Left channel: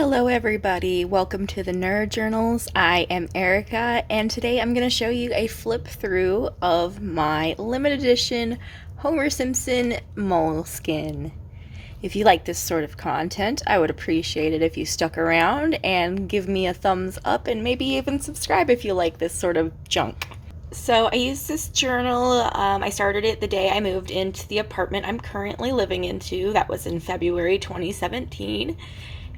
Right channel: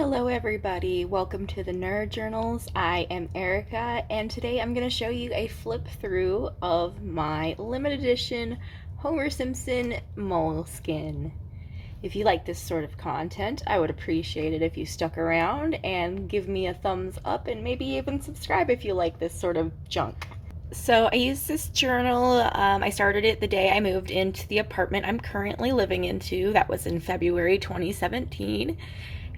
Hello everybody, welcome to the Nerd Journals. I am Erica and today I'm going to show you a flip through of my limited edition Homer Simpson Moleskine. If you like this sort of content, I would appreciate it if you stuck around and give me a thumbs up and maybe even subscribe if you like this sort of junk. So I used this journal, I started it the day I moved into the apartment I'm currently living into. That was in February 2017.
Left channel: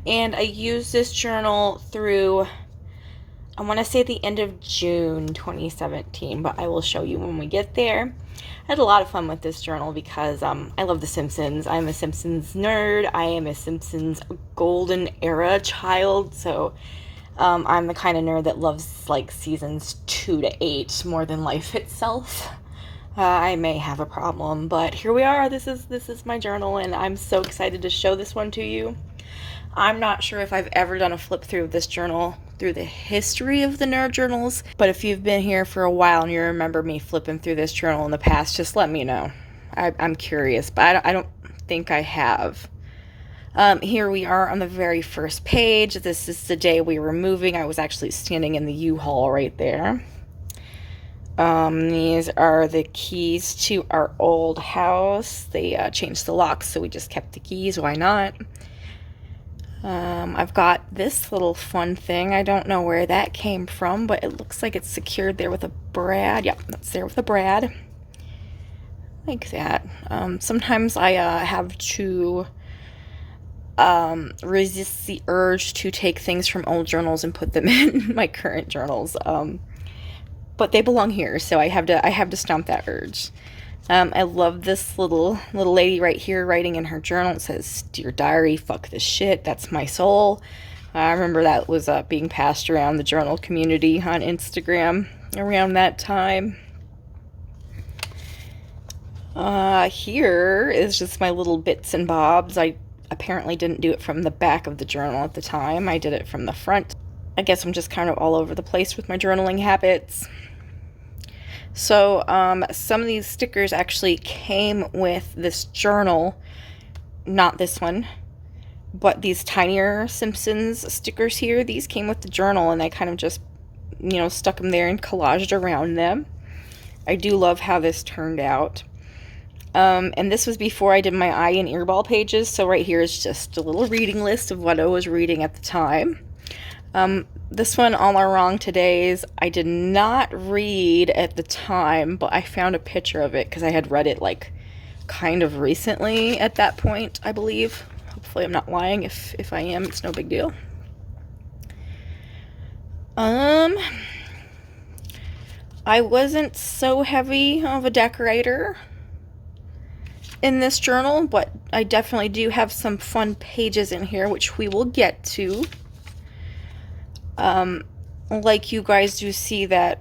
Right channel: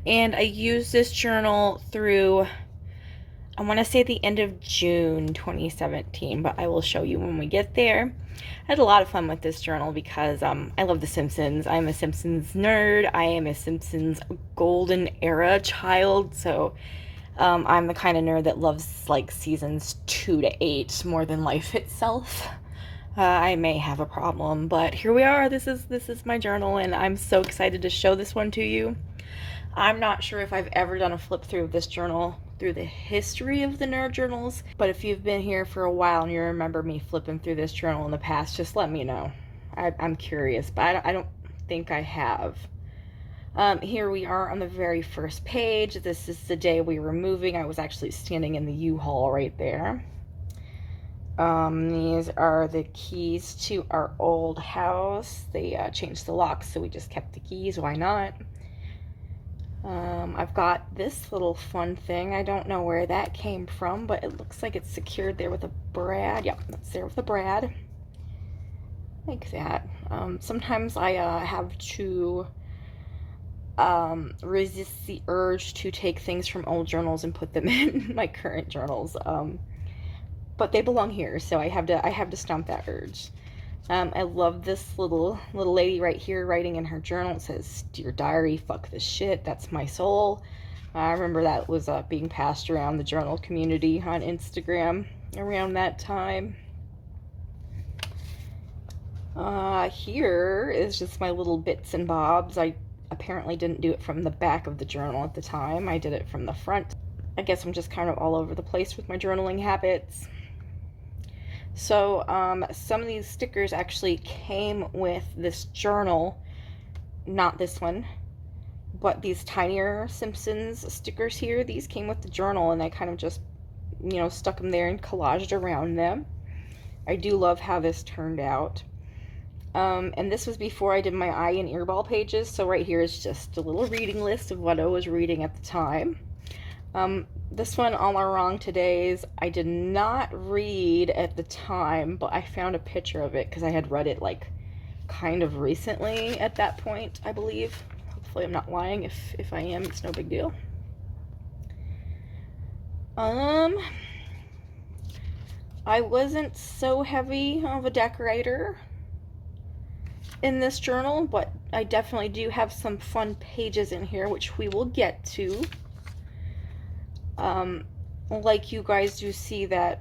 And I used this journal through, I want to say the end of June 2017, but I will show you when we get there. I had a lot of fun with this journal because I love The Simpsons. I'm a Simpsons nerd. I am a Simpsons golden era child, so I'm the kind of nerd that loves like seasons 2 to 8 more than life itself. I may have a problem, but here we are. This is my journal, and I'm so excited to show this one to you. I'm not sure if I've ever done a flip through of this journal through the history of the nerd journals, but if you've been here for a while and you remember me flipping through this journal in the past, just let me know. I'm curious, but I don't think I have. Here we are on the very first page. This is the day we were moving. I was actually standing in the U-Haul right there. These are the keys to our old house. They changed the locks, so we just kept the keys. Why not? I've got this little fun thing. I don't know where that came from, but it looks like it's secured there with a brad. Yep, that's there with a brad. Like that. Sometimes I have to resist the urge to take things from old journals and put them in my current journals. But they belong here, so I have to stomp that urge. I love this little lady right here writing in her journal. It says, "Dear diary, fuck this shit. That's my soul." I remember that was being passed around the journal community on Instagram around that time. Here is just my little bits and bobs. I apparently didn't do it from the back of the journal at the time. I did it from the front. I guess I'm just kind of all over the place with my journaling habits. So some of these stickers actually came with this journal, not this one, but these tinier Simpsons stickers here. These came with the journal, and I kind of just, stuck them there and collaged around them. I do love how this turned out. And this was before I did my eye and earball pages, so right here is just a little reading list of what I was reading at the time. This one, All Our Wrong Todays, I did not read at the time, but I found a picture of it because I had read it like kind of recently at that point, I believe. Hopefully I'm not lying. If I am, it's no big deal. I wasn't so heavy of a decorator in this journal, but I definitely do have some fun pages in here, which we will get to. Like you guys do see that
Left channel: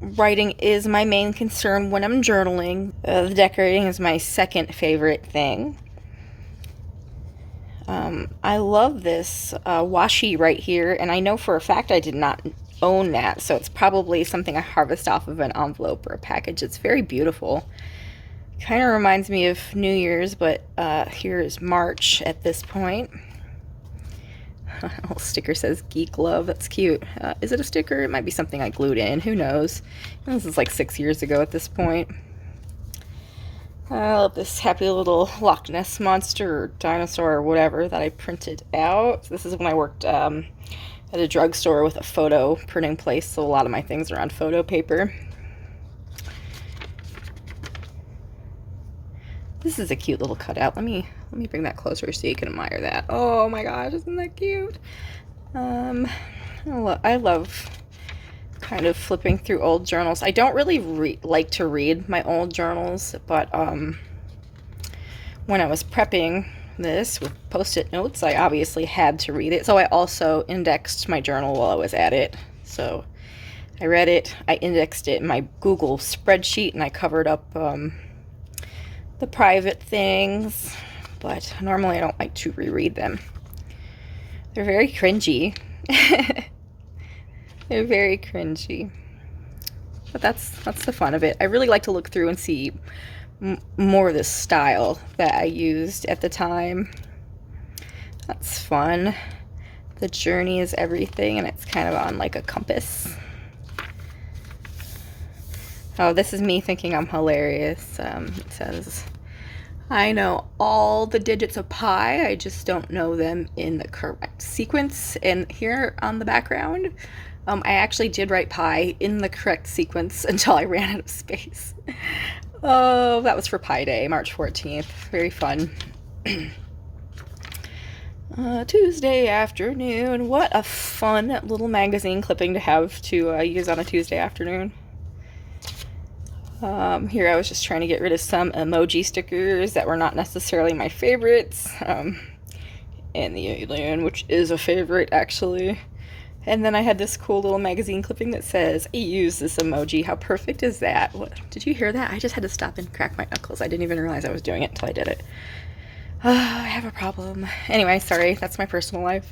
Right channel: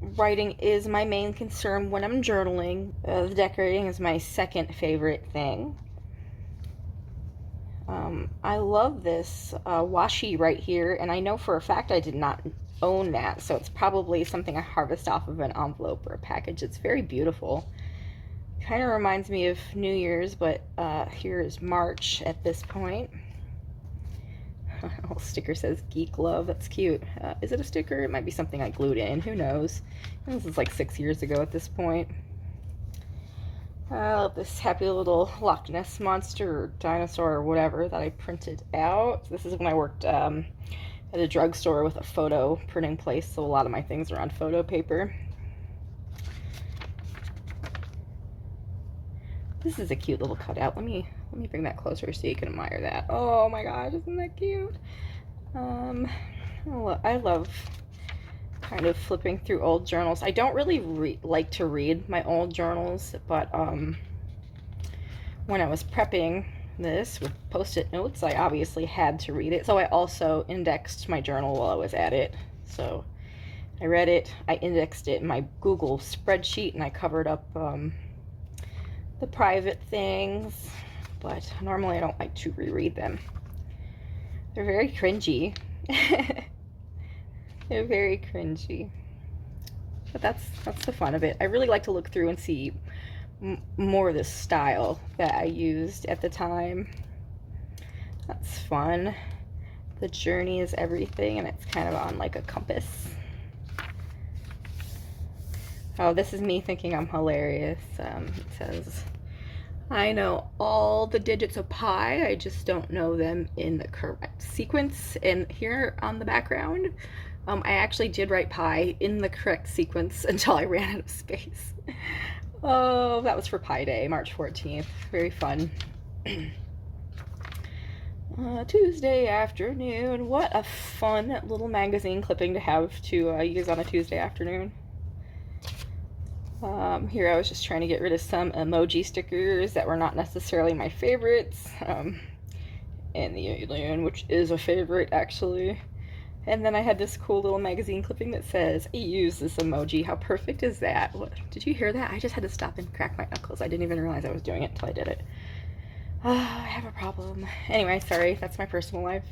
writing is my main concern when I'm journaling. The decorating is my second favorite thing. I love this washi right here, and I know for a fact I did not own that, so it's probably something I harvest off of an envelope or a package. It's very beautiful. Kind of reminds me of New Year's, but here is March at this point. A little sticker says Geek Love. That's cute. Is it a sticker? It might be something I glued in. Who knows? This is like 6 years ago at this point. I love this happy little Loch Ness monster or dinosaur or whatever that I printed out. This is when I worked at a drugstore with a photo printing place, so a lot of my things are on photo paper. This is a cute little cutout. Let me bring that closer so you can admire that. Oh my gosh, isn't that cute? I love kind of flipping through old journals. I don't really like to read my old journals, but when I was prepping this with post-it notes, I obviously had to read it. So I also indexed my journal while I was at it. So I read it, I indexed it in my Google spreadsheet, and I covered up the private things, but normally I don't like to reread them. They're very cringy. They're very cringy. But that's the fun of it. I really like to look through and see more of the style that I used at the time. That's fun. The journey is everything, and it's kind of on like a compass. Oh, this is me thinking I'm hilarious. It says, I know all the digits of pi, I just don't know them in the correct sequence. And here on the background, I actually did write pi in the correct sequence until I ran out of space. Oh, that was for Pi Day, March 14th. Very fun. Tuesday afternoon. What a fun little magazine clipping to have to use on a Tuesday afternoon. Here I was just trying to get rid of some emoji stickers that were not necessarily my favorites. And the alien, which is a favorite actually. And then I had this cool little magazine clipping that says, I use this emoji. How perfect is that? What, did you hear that? I just had to stop and crack my knuckles. I didn't even realize I was doing it until I did it. I have a problem. Anyway, sorry, that's my personal life.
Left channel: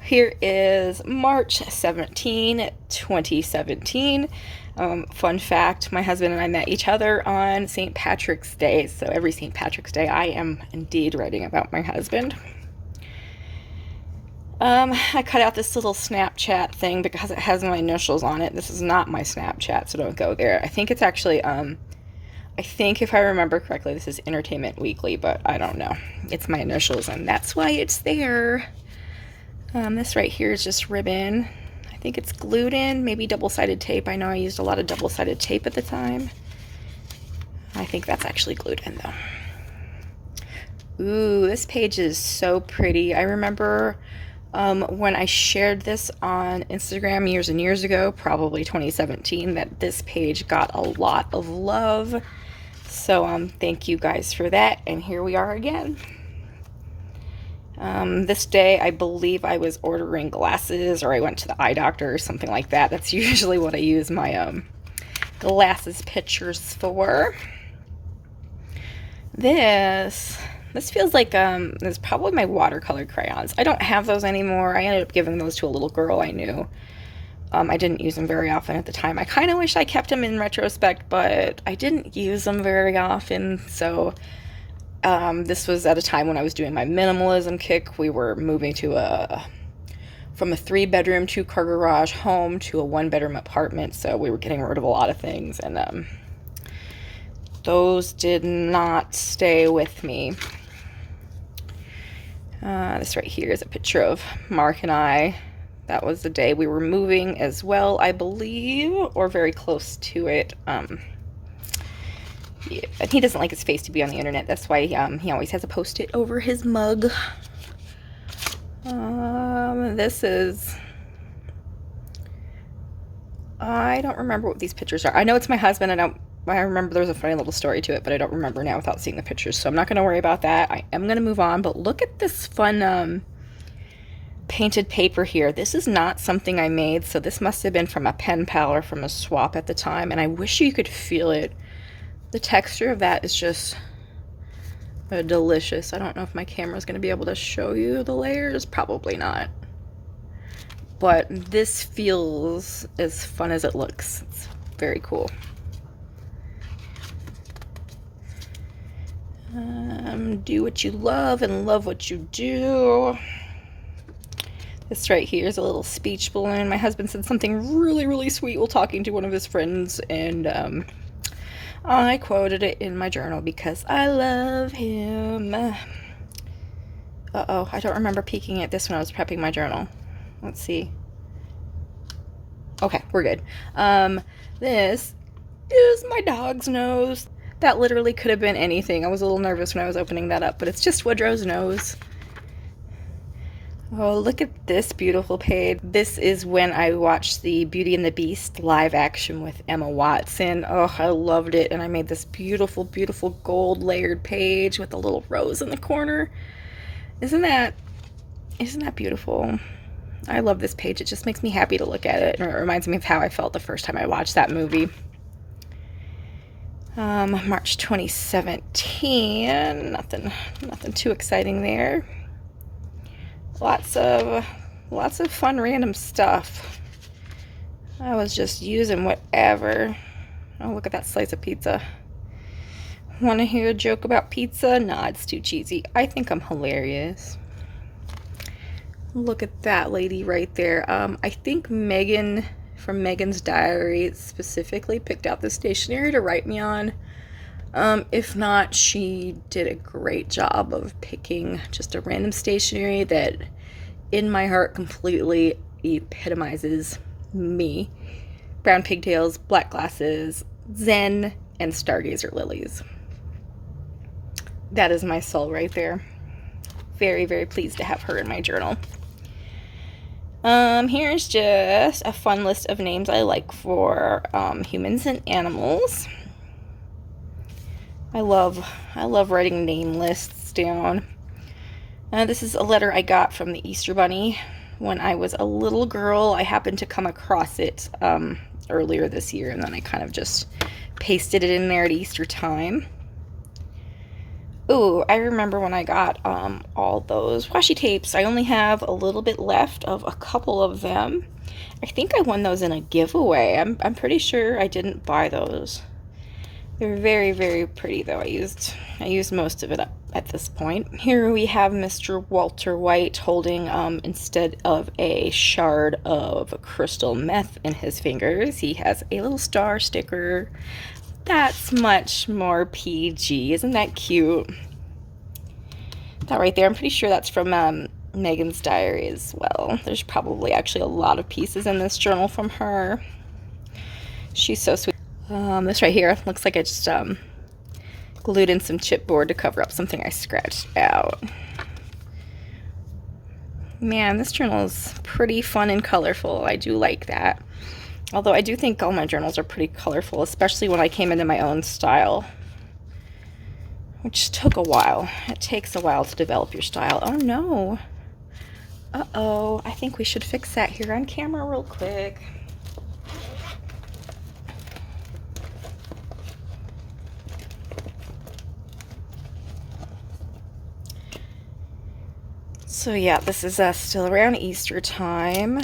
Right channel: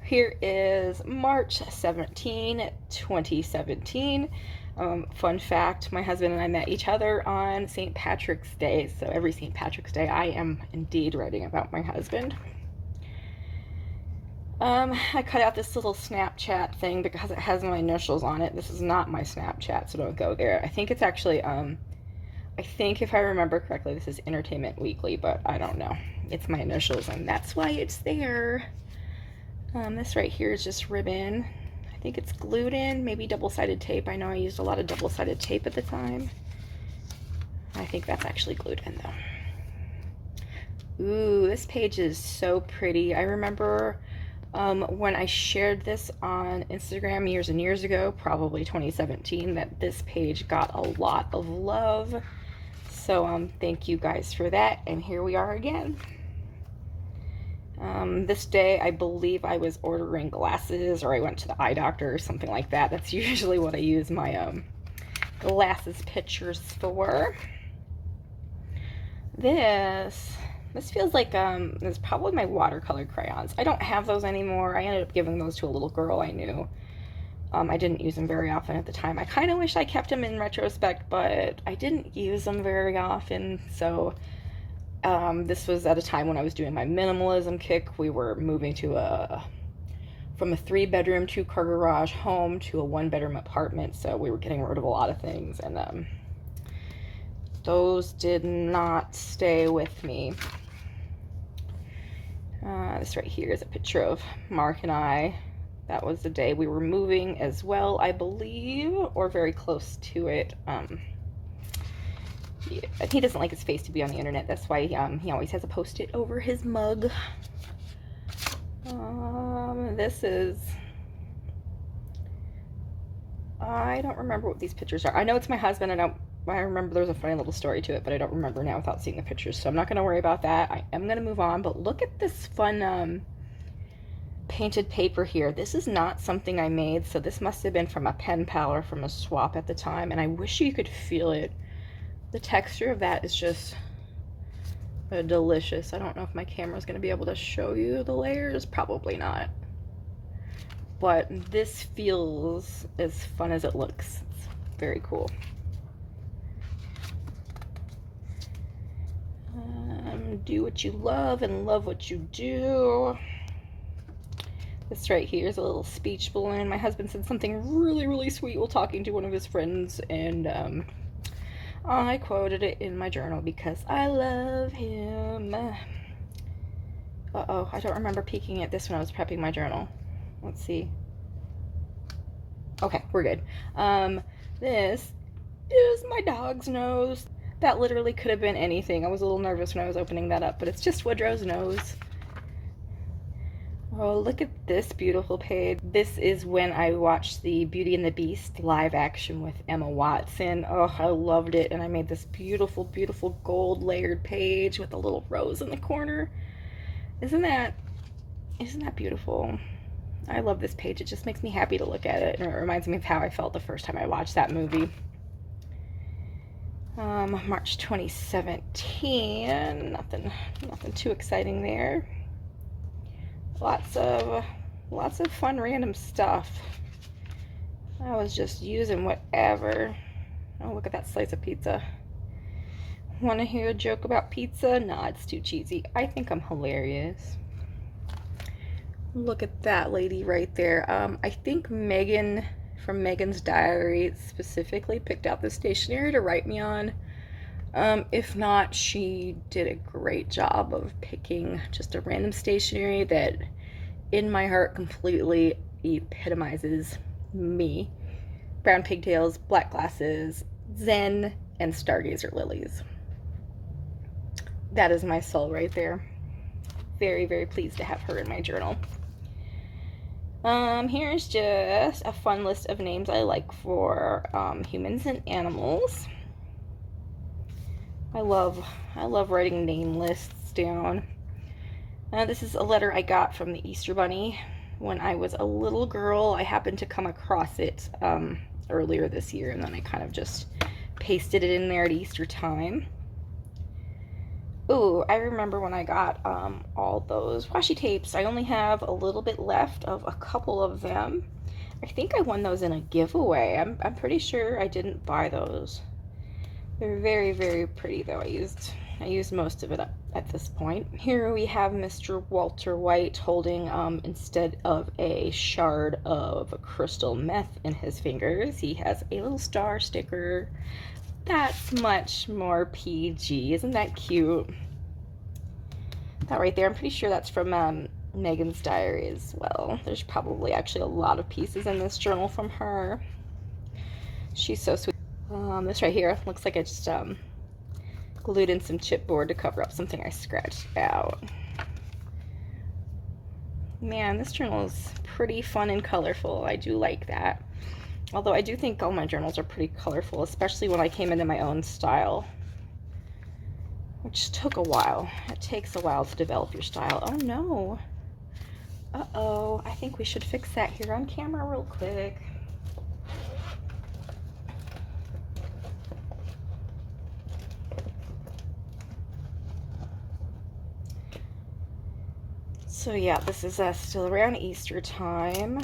Here is March 17, 2017. Fun fact, my husband and I met each other on St. Patrick's Day. So every St. Patrick's Day, I am indeed writing about my husband. I cut out this little Snapchat thing because it has my initials on it. This is not my Snapchat, so don't go there. I think it's actually, I think if I remember correctly, this is Entertainment Weekly, but I don't know. It's my initials, and that's why it's there. This right here is just ribbon. I think it's glued in, maybe double-sided tape. I know I used a lot of double-sided tape at the time. I think that's actually glued in, though. Ooh, this page is so pretty. I remember when I shared this on Instagram years and years ago, probably 2017, that this page got a lot of love. So thank you guys for that, and here we are again. This day, I believe I was ordering glasses, or I went to the eye doctor or something like that. That's usually what I use my glasses pictures for. This feels like this is probably my watercolor crayons. I don't have those anymore. I ended up giving those to a little girl I knew. I didn't use them very often at the time. I kind of wish I kept them in retrospect, but I didn't use them very often. So this was at a time when I was doing my minimalism kick. We were moving to from a 3-bedroom, 2-car garage home to a 1-bedroom apartment. So we were getting rid of a lot of things, and those did not stay with me. This right here is a picture of Mark and I. That was the day we were moving as well, I believe, or very close to it. Yeah, he doesn't like his face to be on the internet. That's why he always has a post-it over his mug. This is... I don't remember what these pictures are. I know it's my husband. I remember there's a funny little story to it, but I don't remember now without seeing the pictures, so I'm not going to worry about that. I am going to move on, but look at this fun painted paper here. This is not something I made, so this must have been from a pen pal or from a swap at the time, and I wish you could feel it. The texture of that is just delicious. I don't know if my camera's going to be able to show you the layers. Probably not. But this feels as fun as it looks. It's very cool. Do what you love and love what you do. This right here is a little speech balloon. My husband said something really, really sweet while talking to one of his friends, and I quoted it in my journal because I love him. Uh-oh, I don't remember peeking at this when I was prepping my journal. Let's see. Okay, we're good. This is my dog's nose. That literally could have been anything. I was a little nervous when I was opening that up, but it's just Woodrow's nose. Oh, look at this beautiful page. This is when I watched the Beauty and the Beast live action with Emma Watson. Oh, I loved it, and I made this beautiful, beautiful gold layered page with a little rose in the corner. Isn't that beautiful? I love this page. It just makes me happy to look at it, and it reminds me of how I felt the first time I watched that movie. March 2017. Nothing too exciting there. Lots of fun random stuff. I was just using whatever. Oh, look at that slice of pizza. Want to hear a joke about pizza? Nah, it's too cheesy. I think I'm hilarious. Look at that lady right there. I think Megan from Megan's Diary specifically picked out the stationery to write me on. If not, she did a great job of picking just a random stationery that in my heart completely epitomizes me. Brown pigtails, black glasses, Zen, and stargazer lilies. That is my soul right there. Very, very pleased to have her in my journal. Here's just a fun list of names I like for humans and animals. I love writing name lists down. This is a letter I got from the Easter Bunny when I was a little girl. I happened to come across it earlier this year, and then I kind of just pasted it in there at Easter time. Ooh, I remember when I got all those washi tapes. I only have a little bit left of a couple of them. I think I won those in a giveaway. I'm pretty sure I didn't buy those. They're very, very pretty though. I used most of it up at this point. Here we have Mr. Walter White holding, instead of a shard of crystal meth in his fingers, he has a little star sticker. That's much more PG. Isn't that cute? That right there, I'm pretty sure that's from Megan's Diary as well. There's probably actually a lot of pieces in this journal from her. She's so sweet. This right here looks like I just glued in some chipboard to cover up something I scratched out. Man, this journal is pretty fun and colorful. I do like that. Although I do think all my journals are pretty colorful, especially when I came into my own style, which took a while. It takes a while to develop your style. Oh no. Uh-oh. I think we should fix that here on camera real quick. So yeah, this is still around Easter time.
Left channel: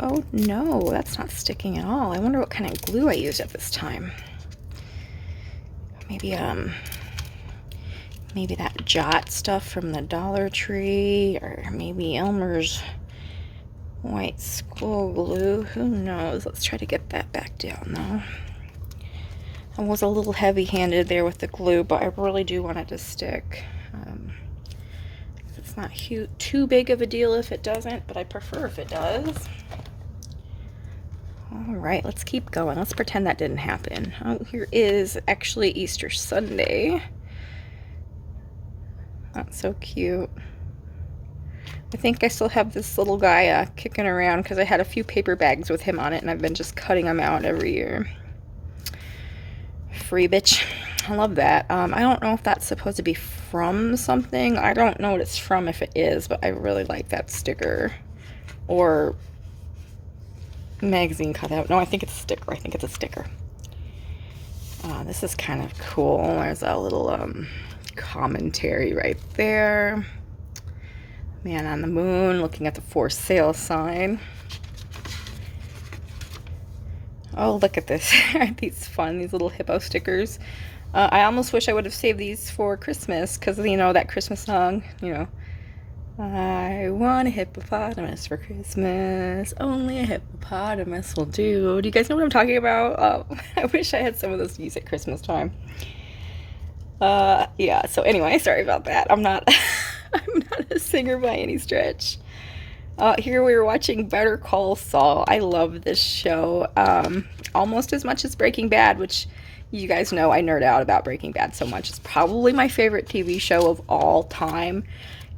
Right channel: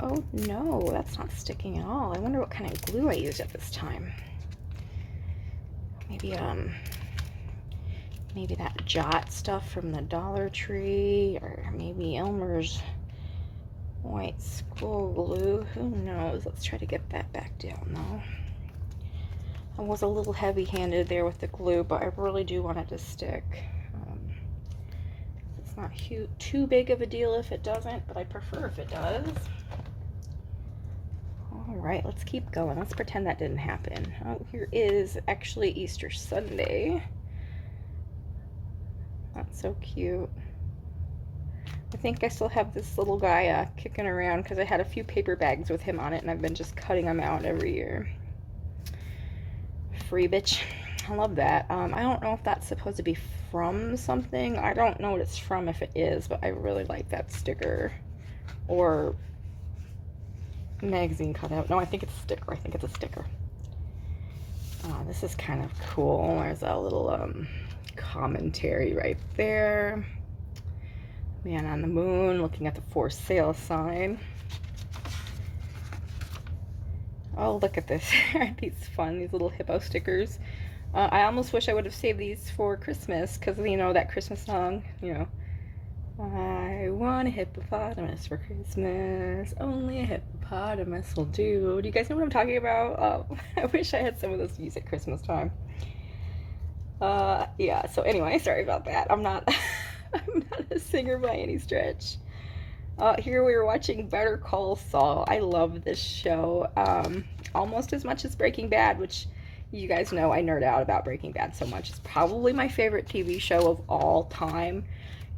Oh no, that's not sticking at all. I wonder what kind of glue I used at this time. Maybe that Jot stuff from the Dollar Tree, or maybe Elmer's white school glue. Who knows? Let's try to get that back down though. I was a little heavy-handed there with the glue, but I really do want it to stick. It's not too big of a deal if it doesn't, but I prefer if it does. All right, let's keep going. Let's pretend that didn't happen. Oh, here is actually Easter Sunday. That's so cute. I think I still have this little guy kicking around because I had a few paper bags with him on it, and I've been just cutting them out every year. Free bitch. I love that. I don't know if that's supposed to be from something. I don't know what it's from if it is, but I really like that sticker. Or magazine cutout. No, I think it's a sticker. I think it's a sticker. This is kind of cool. There's a little commentary right there. Man on the moon looking at the for sale sign. Oh, look at this. Aren't these fun? These little hippo stickers. I almost wish I would have saved these for Christmas, because, you know, that Christmas song, you know. I want a hippopotamus for Christmas. Only a hippopotamus will do. Do you guys know what I'm talking about? Oh, I wish I had some of those to use at Christmas time. Yeah, so anyway, sorry about that. I'm not I'm not a singer by any stretch. Here we were watching Better Call Saul. I love this show almost as much as Breaking Bad, which you guys know I nerd out about Breaking Bad so much. It's probably my favorite TV show of all time.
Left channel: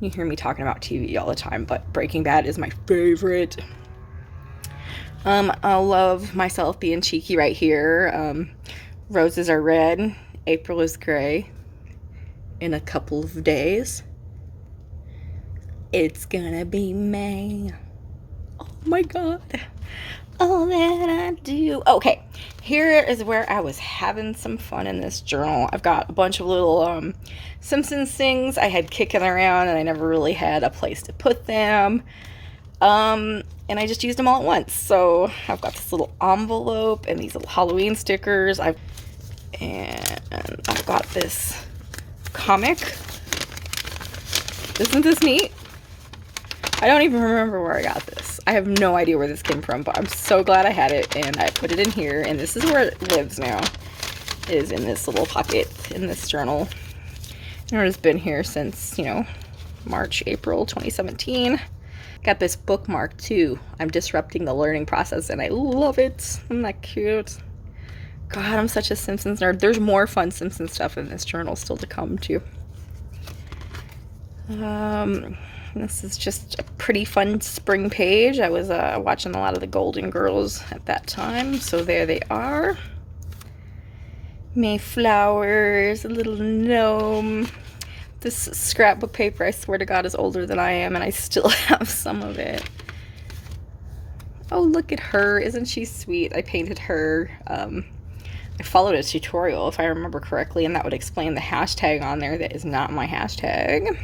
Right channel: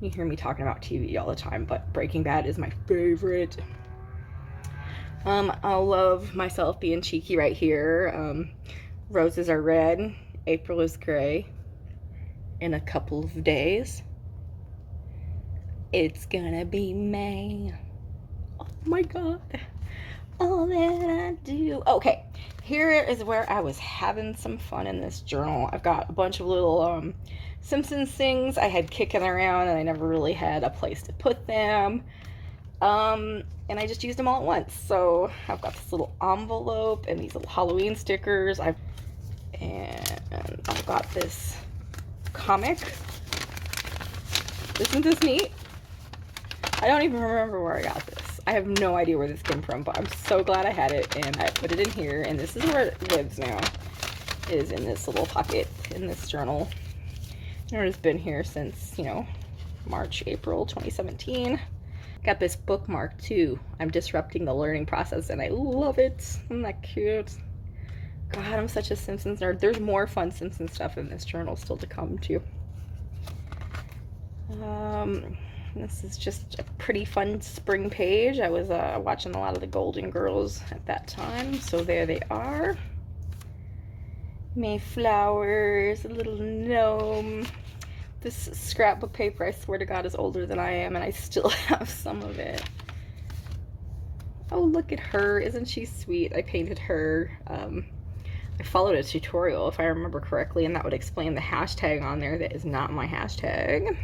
You hear me talking about TV all the time, but Breaking Bad is my favorite. I love myself being cheeky right here. Roses are red, April is gray. In a couple of days, it's gonna be May. Oh my god. All that I do. Okay, here is where I was having some fun in this journal. I've got a bunch of little Simpsons things I had kicking around, and I never really had a place to put them. And I just used them all at once. So I've got this little envelope and these little Halloween stickers. I've got this comic. Isn't this neat? I don't even remember where I got this. I have no idea where this came from, but I'm so glad I had it, and I put it in here, and this is where it lives now. It is in this little pocket in this journal. And it's been here since, you know, March, April 2017. Got this bookmark too. I'm disrupting the learning process, and I love it. Isn't that cute? God, I'm such a Simpsons nerd. There's more fun Simpsons stuff in this journal still to come too. This is just a pretty fun spring page. I was watching a lot of the Golden Girls at that time, so there they are. Mayflowers, a little gnome. This scrapbook paper, I swear to God, is older than I am, and I still have some of it. Oh, look at her. Isn't she sweet? I painted her. I followed a tutorial, if I remember correctly, and that would explain the hashtag on there. That is not my hashtag.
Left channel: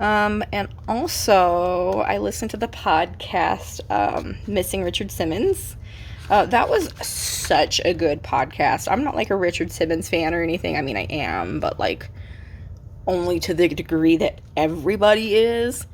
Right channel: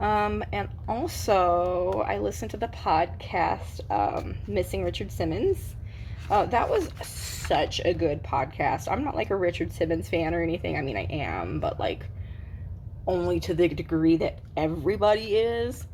And also, I listened to the podcast, Missing Richard Simmons. That was such a good podcast. I'm not like a Richard Simmons fan or anything. I mean, I am, but like only to the degree that everybody is.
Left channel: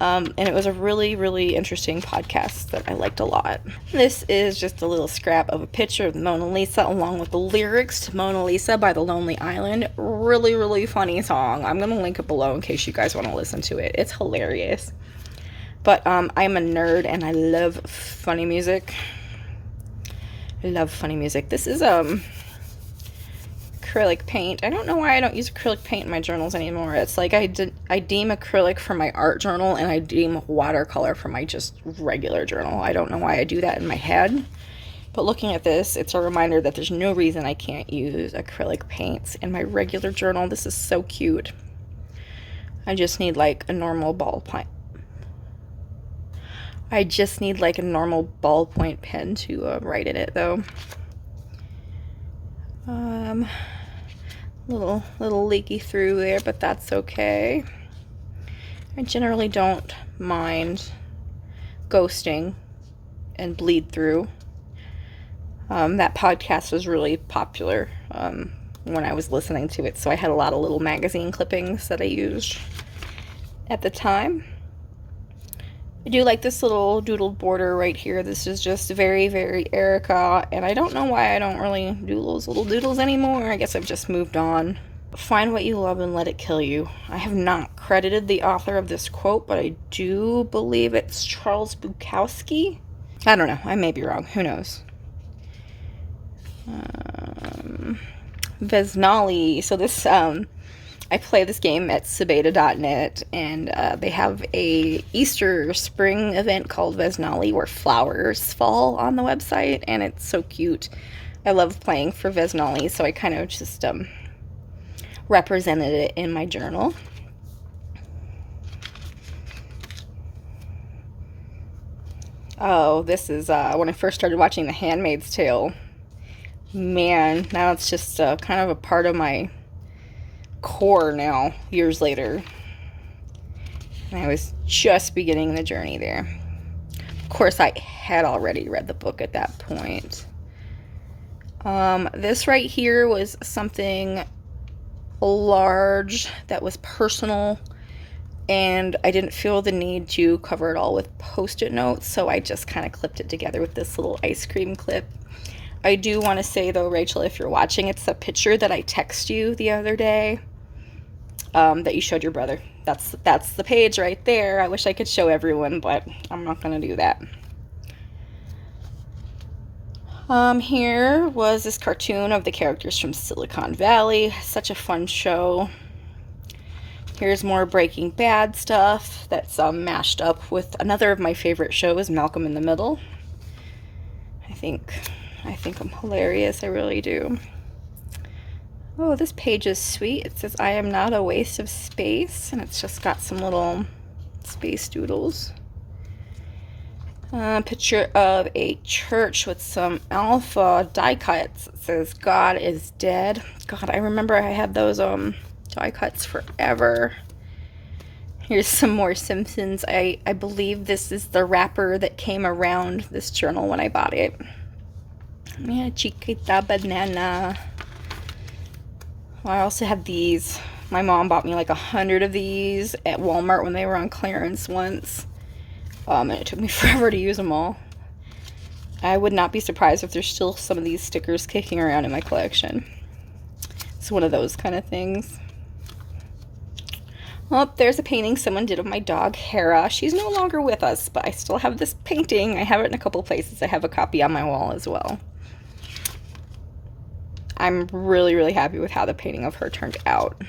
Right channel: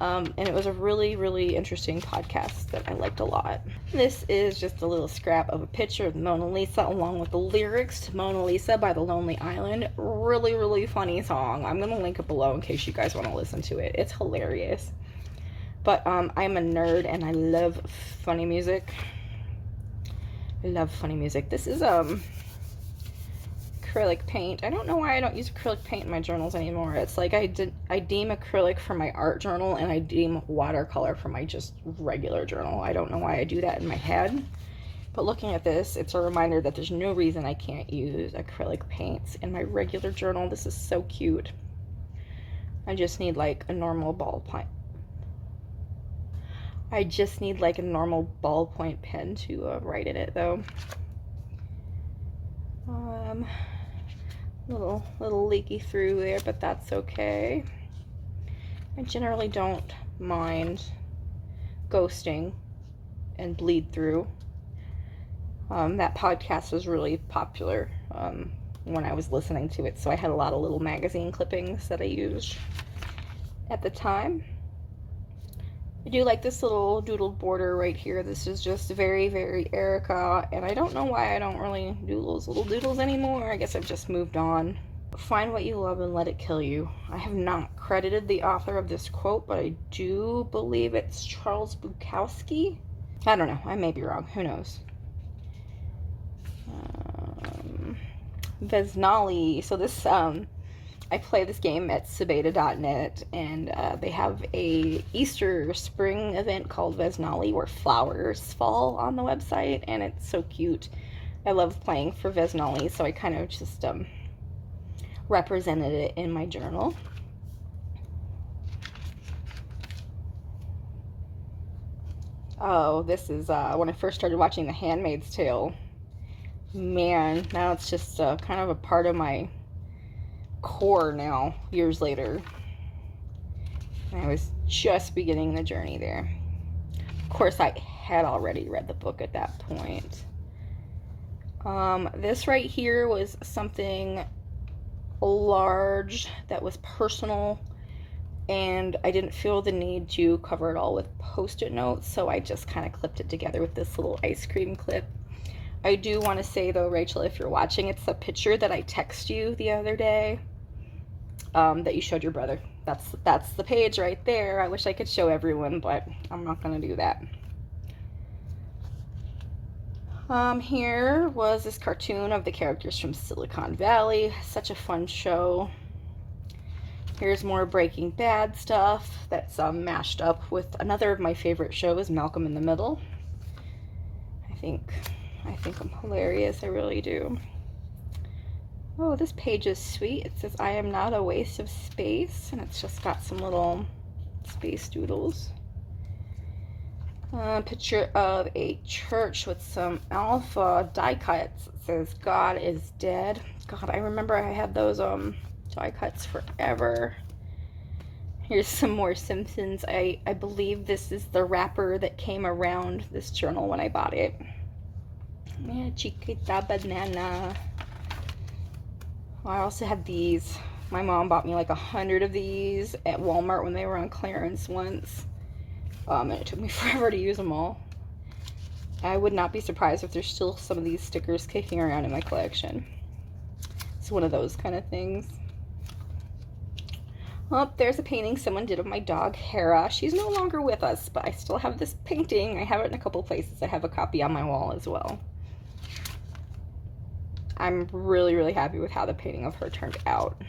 And it was a really, really interesting podcast that I liked a lot. This is just a little scrap of a picture of the Mona Lisa along with the lyrics to Mona Lisa by The Lonely Island. Really, really funny song. I'm going to link it below in case you guys want to listen to it. It's hilarious. But I'm a nerd and I love funny music. I love funny music. This is acrylic paint. I don't know why I don't use acrylic paint in my journals anymore. It's like I deem acrylic for my art journal and I deem watercolor for my just regular journal. I don't know why I do that in my head. But looking at this, it's a reminder that there's no reason I can't use acrylic paints in my regular journal. This is so cute. I just need like a normal ballpoint. I just need like a normal ballpoint pen to write in it though. Little leaky through there, but that's okay. I generally don't mind ghosting and bleed through. That podcast was really popular when I was listening to it, so I had a lot of little magazine clippings that I used at the time. I do like this little doodled border right here. This is just very, very Erica, and I don't know why I don't really do those little doodles anymore. I guess I've just moved on. Find what you love and let it kill you. I have not credited the author of this quote, but I do believe it's Charles Bukowski. I don't know. I may be wrong. Who knows? 𝕔𝕣𝕖𝕕𝕚. So this, I play this game at 𝕔𝕣𝕗.net, and they have a Easter spring event called 𝕔𝕣𝕗 where flowers fall on the website, and it's so cute. I love playing for 𝕔𝕣𝕗, so I kind of just represented it in my journal. Oh, this is when I first started watching The Handmaid's Tale. Man, now it's just kind of a part of my core now, years later. And I was just beginning the journey there. Of course, I had already read the book at that point. This right here was something large that was personal, and I didn't feel the need to cover it all with post-it notes, so I just kind of clipped it together with this little ice cream clip. I do want to say though, Rachel, if you're watching, it's a picture that I texted you the other day that you showed your brother. That's the page right there. I wish I could show everyone, but I'm not going to do that. Here was this cartoon of the characters from Silicon Valley. Such a fun show. Here's more Breaking Bad stuff that's mashed up with another of my favorite shows, Malcolm in the Middle. I think I'm hilarious. I really do. Oh, this page is sweet. It says, "I am not a waste of space," and it's just got some little space doodles. Picture of a church with some alpha die cuts. It says, "God is dead." God, I remember I had those die cuts forever. Here's some more Simpsons. I believe this is the wrapper that came around this journal when I bought it. Yeah, chiquita banana. I also have these My mom bought me like 100 of these at Walmart when they were on clearance once. And it took me forever to use them all. I would not be surprised if there's still some of these stickers kicking around in my collection. It's one of those kind of things. Oh, there's a painting someone did of my dog, Hera. She's no longer with us, but I still have this painting. I have it in a couple places. I have a copy on my wall as well. I'm really, really happy with how the painting of her turned out.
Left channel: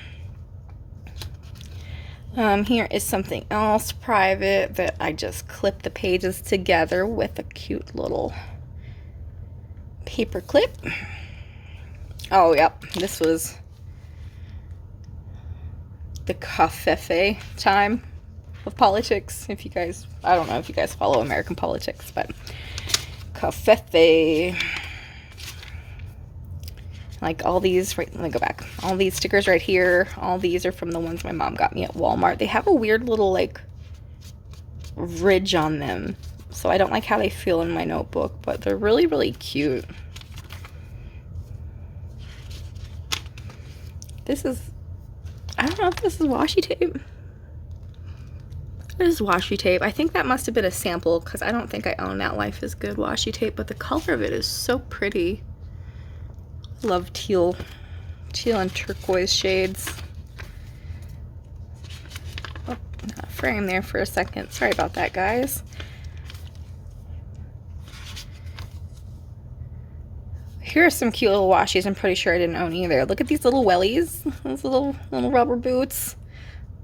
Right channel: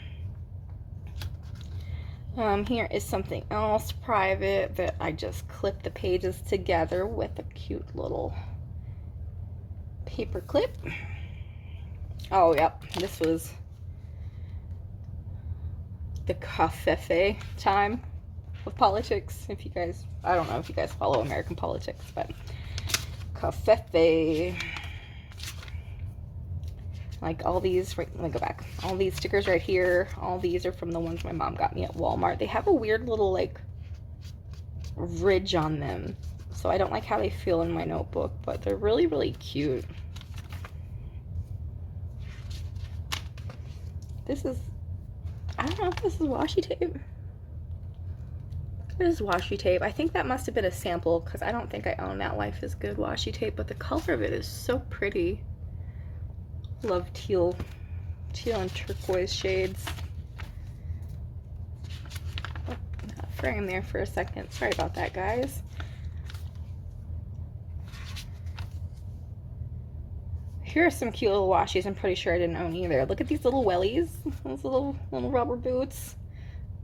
Here is something else private that I just clipped the pages together with a cute little paper clip. Oh, yep, this was the covfefe time of politics. If you guys, I don't know if you guys follow American politics, but covfefe. Like all these, right, let me go back. All these stickers right here, all these are from the ones my mom got me at Walmart. They have a weird little like ridge on them. So I don't like how they feel in my notebook, but they're really, really cute. This is, I don't know if this is washi tape. It is washi tape. I think that must have been a sample because I don't think I own that Life is Good washi tape, but the color of it is so pretty. Love teal and turquoise shades. Oh, got a frame there for a second. Sorry about that, guys. Here are some cute little washies I'm pretty sure I didn't own either. Look at these little wellies. Those little rubber boots.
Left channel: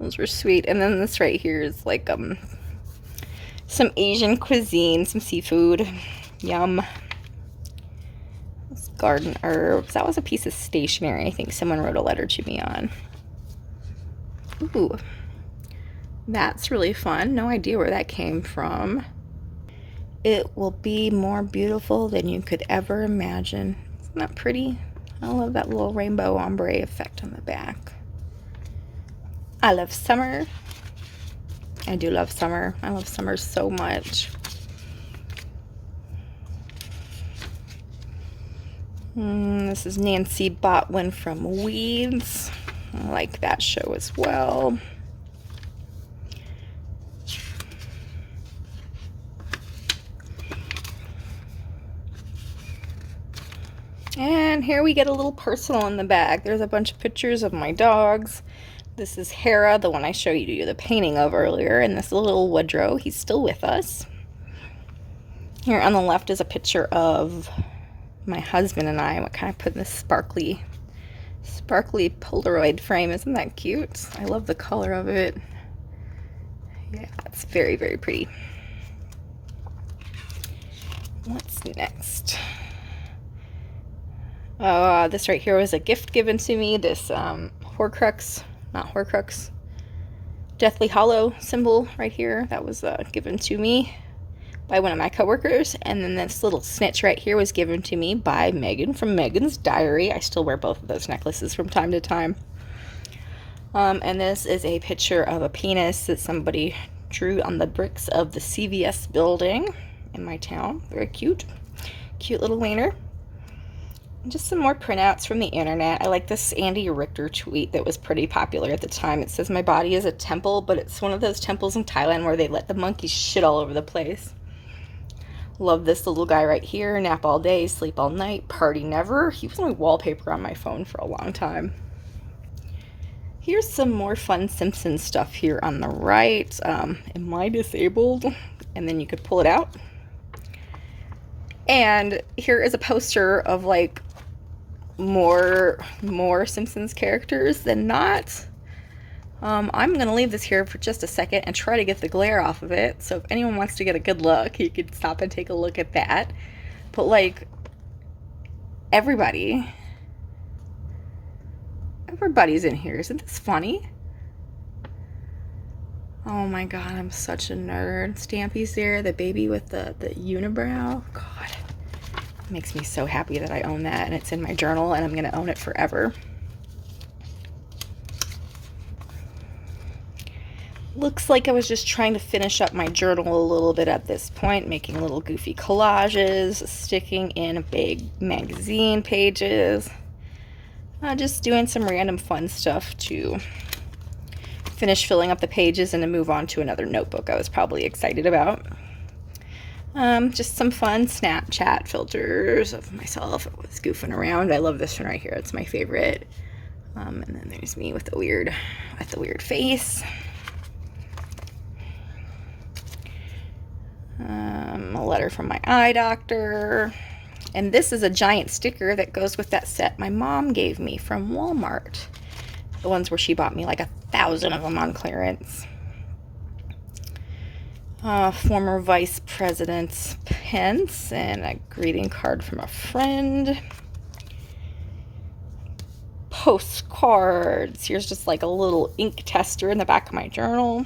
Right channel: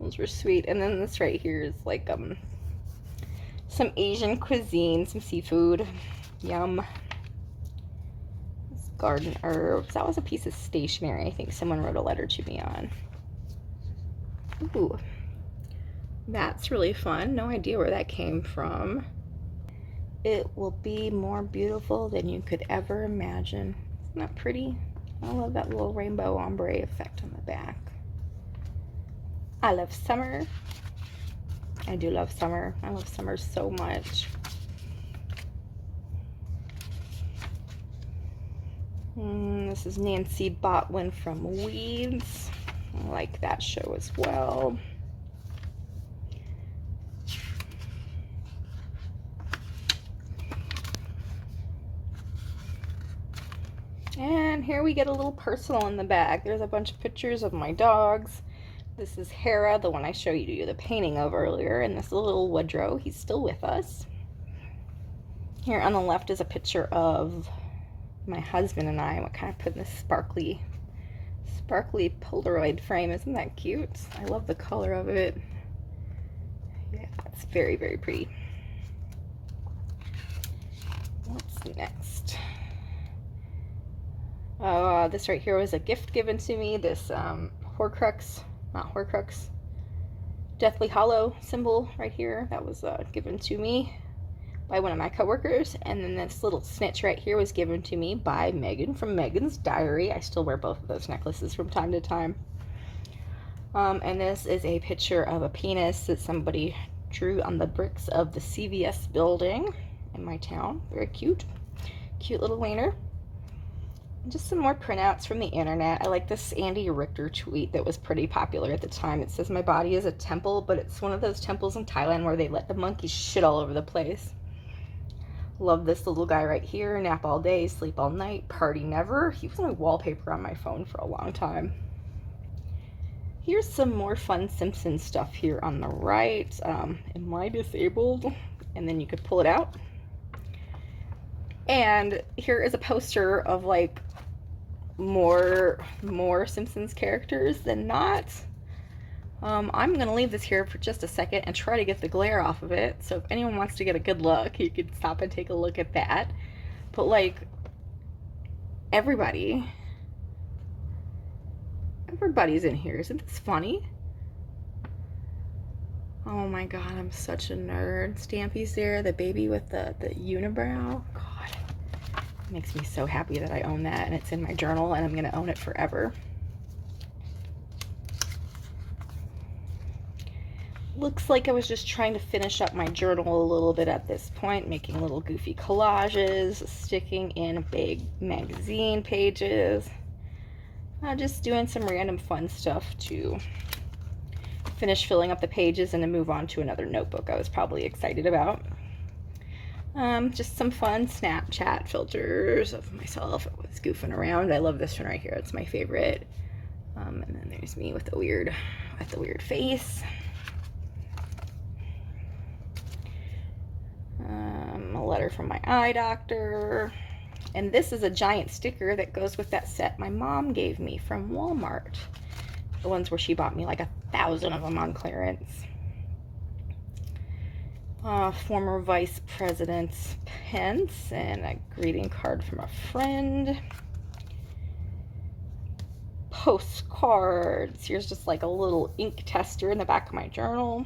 Those were sweet. And then this right here is like some Asian cuisine, some seafood. Yum. Garden herbs. That was a piece of stationery I think someone wrote a letter to me on. Ooh, that's really fun. No idea where that came from. It will be more beautiful than you could ever imagine. Isn't that pretty? I love that little rainbow ombre effect on the back. I love summer. I do love summer. I love summer so much. This is Nancy Botwin from Weeds. I like that show as well. And here we get a little personal in the bag. There's a bunch of pictures of my dogs. This is Hera, the one I showed you the painting of earlier, and this little Woodrow. He's still with us. Here on the left is a picture of my husband and I. What kind of put in this sparkly Polaroid frame. Isn't that cute? I love the color of it. Yeah, it's very, very pretty. What's next? This right here was a gift given to me. This Deathly Hollow symbol right here. That was given to me by one of my coworkers, and then this little snitch right here was given to me by Megan from Megan's Diary. I still wear both of those necklaces from time to time. And this is a picture of a penis that somebody drew on the bricks of the CVS building in my town. Very cute. Cute little wiener. And just some more printouts from the internet. I like this Andy Richter tweet that was pretty popular at the time. It says, "My body is a temple," but it's one of those temples in Thailand where they let the monkeys shit all over the place. Love this little guy right here. Nap all day, sleep all night, party never. He was my wallpaper on my phone for a long time. Here's some more fun Simpsons stuff here on the right. Am I disabled? And then you could pull it out. And here is a poster of like more Simpsons characters than not. I'm going to leave this here for just a second and try to get the glare off of it. So if anyone wants to get a good look, you could stop and take a look at that. But like, everybody's in here. Isn't this funny? Oh my god, I'm such a nerd. Stampy's there, the baby with the unibrow. God, it makes me so happy that I own that, and it's in my journal, and I'm going to own it forever. Looks like I was just trying to finish up my journal a little bit at this point, making little goofy collages, sticking in big magazine pages. Just doing some random fun stuff to finish filling up the pages and to move on to another notebook I was probably excited about. Just some fun Snapchat filters of myself with goofing around. I love this one right here. It's my favorite. And then there's me with the weird face. A letter from my eye doctor. And this is a giant sticker that goes with that set my mom gave me from Walmart. The ones where she bought me like 1,000 of them on clearance. Former Vice President Pence, and a greeting card from a friend. Postcards. Here's just like a little ink tester in the back of my journal.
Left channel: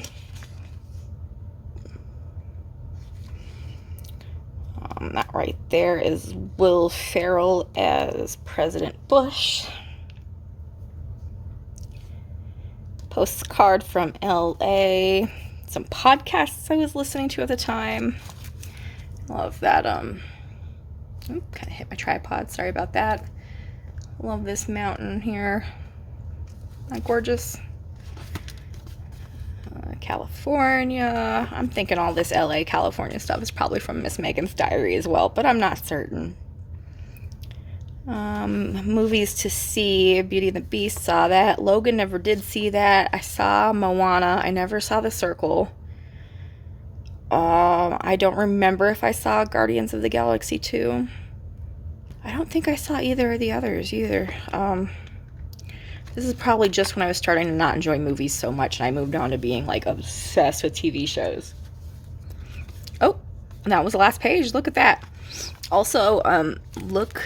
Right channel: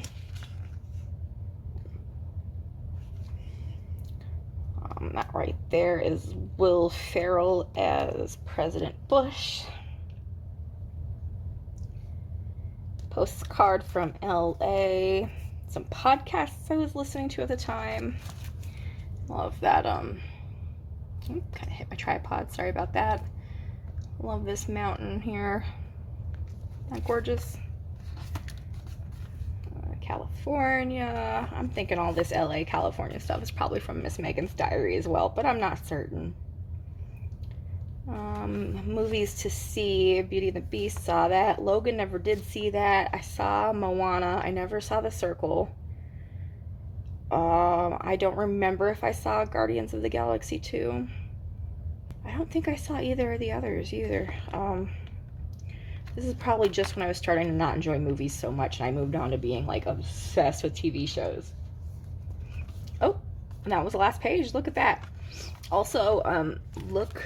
That right there is Will Ferrell as President Bush. Postcard from LA. Some podcasts I was listening to at the time. Love that. Kind of hit my tripod. Sorry about that. Love this mountain here. Not gorgeous? California. I'm thinking all this LA, California stuff is probably from Miss Megan's diary as well, but I'm not certain. Movies to see. Beauty and the Beast, saw that. Logan, never did see that. I saw Moana. I never saw The Circle. I don't remember if I saw Guardians of the Galaxy 2. I don't think I saw either of the others either. This is probably just when I was starting to not enjoy movies so much and I moved on to being like obsessed with TV shows. Oh, and that was the last page. Look at that. Also, look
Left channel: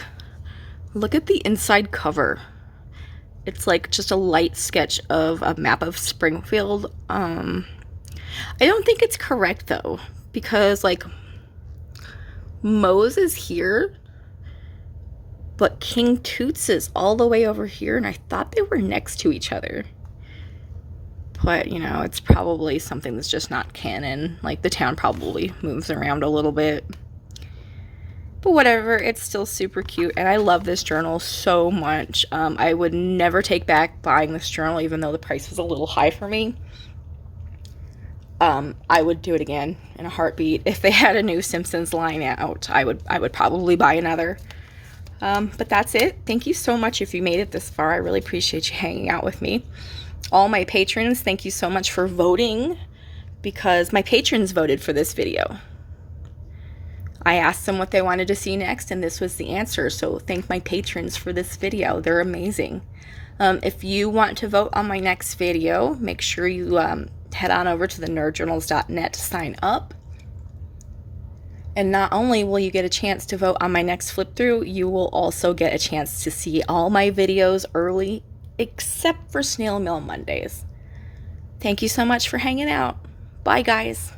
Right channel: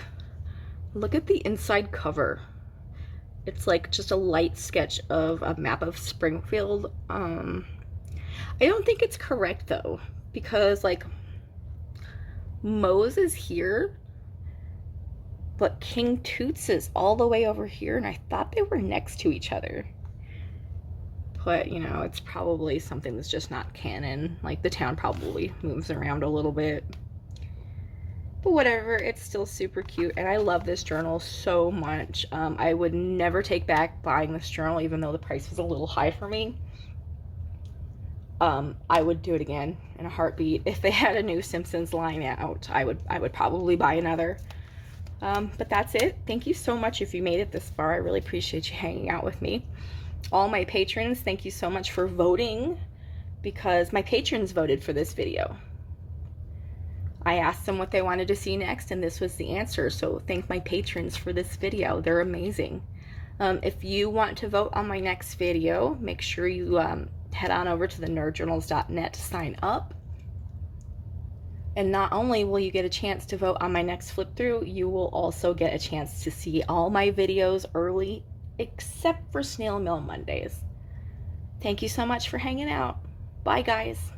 at the inside cover. It's like just a light sketch of a map of Springfield. I don't think it's correct though, because like Moe's is here, but King Toots is all the way over here, and I thought they were next to each other. But, you know, it's probably something that's just not canon. Like, the town probably moves around a little bit. But whatever, it's still super cute, and I love this journal so much. I would never take back buying this journal, even though the price was a little high for me. I would do it again in a heartbeat. If they had a new Simpsons line out, I would probably buy another. But that's it. Thank you so much if you made it this far. I really appreciate you hanging out with me. All my patrons, thank you so much for voting, because my patrons voted for this video. I asked them what they wanted to see next, and this was the answer. So thank my patrons for this video. They're amazing. If you want to vote on my next video, make sure you head on over to the 𝕤𝕗𝒠𝒠journals.net to sign up. And not only will you get a chance to vote on my next flip through, you will also get a chance to see all my videos early, except for Snail Mail Mondays. Thank you so much for hanging out. Bye, guys.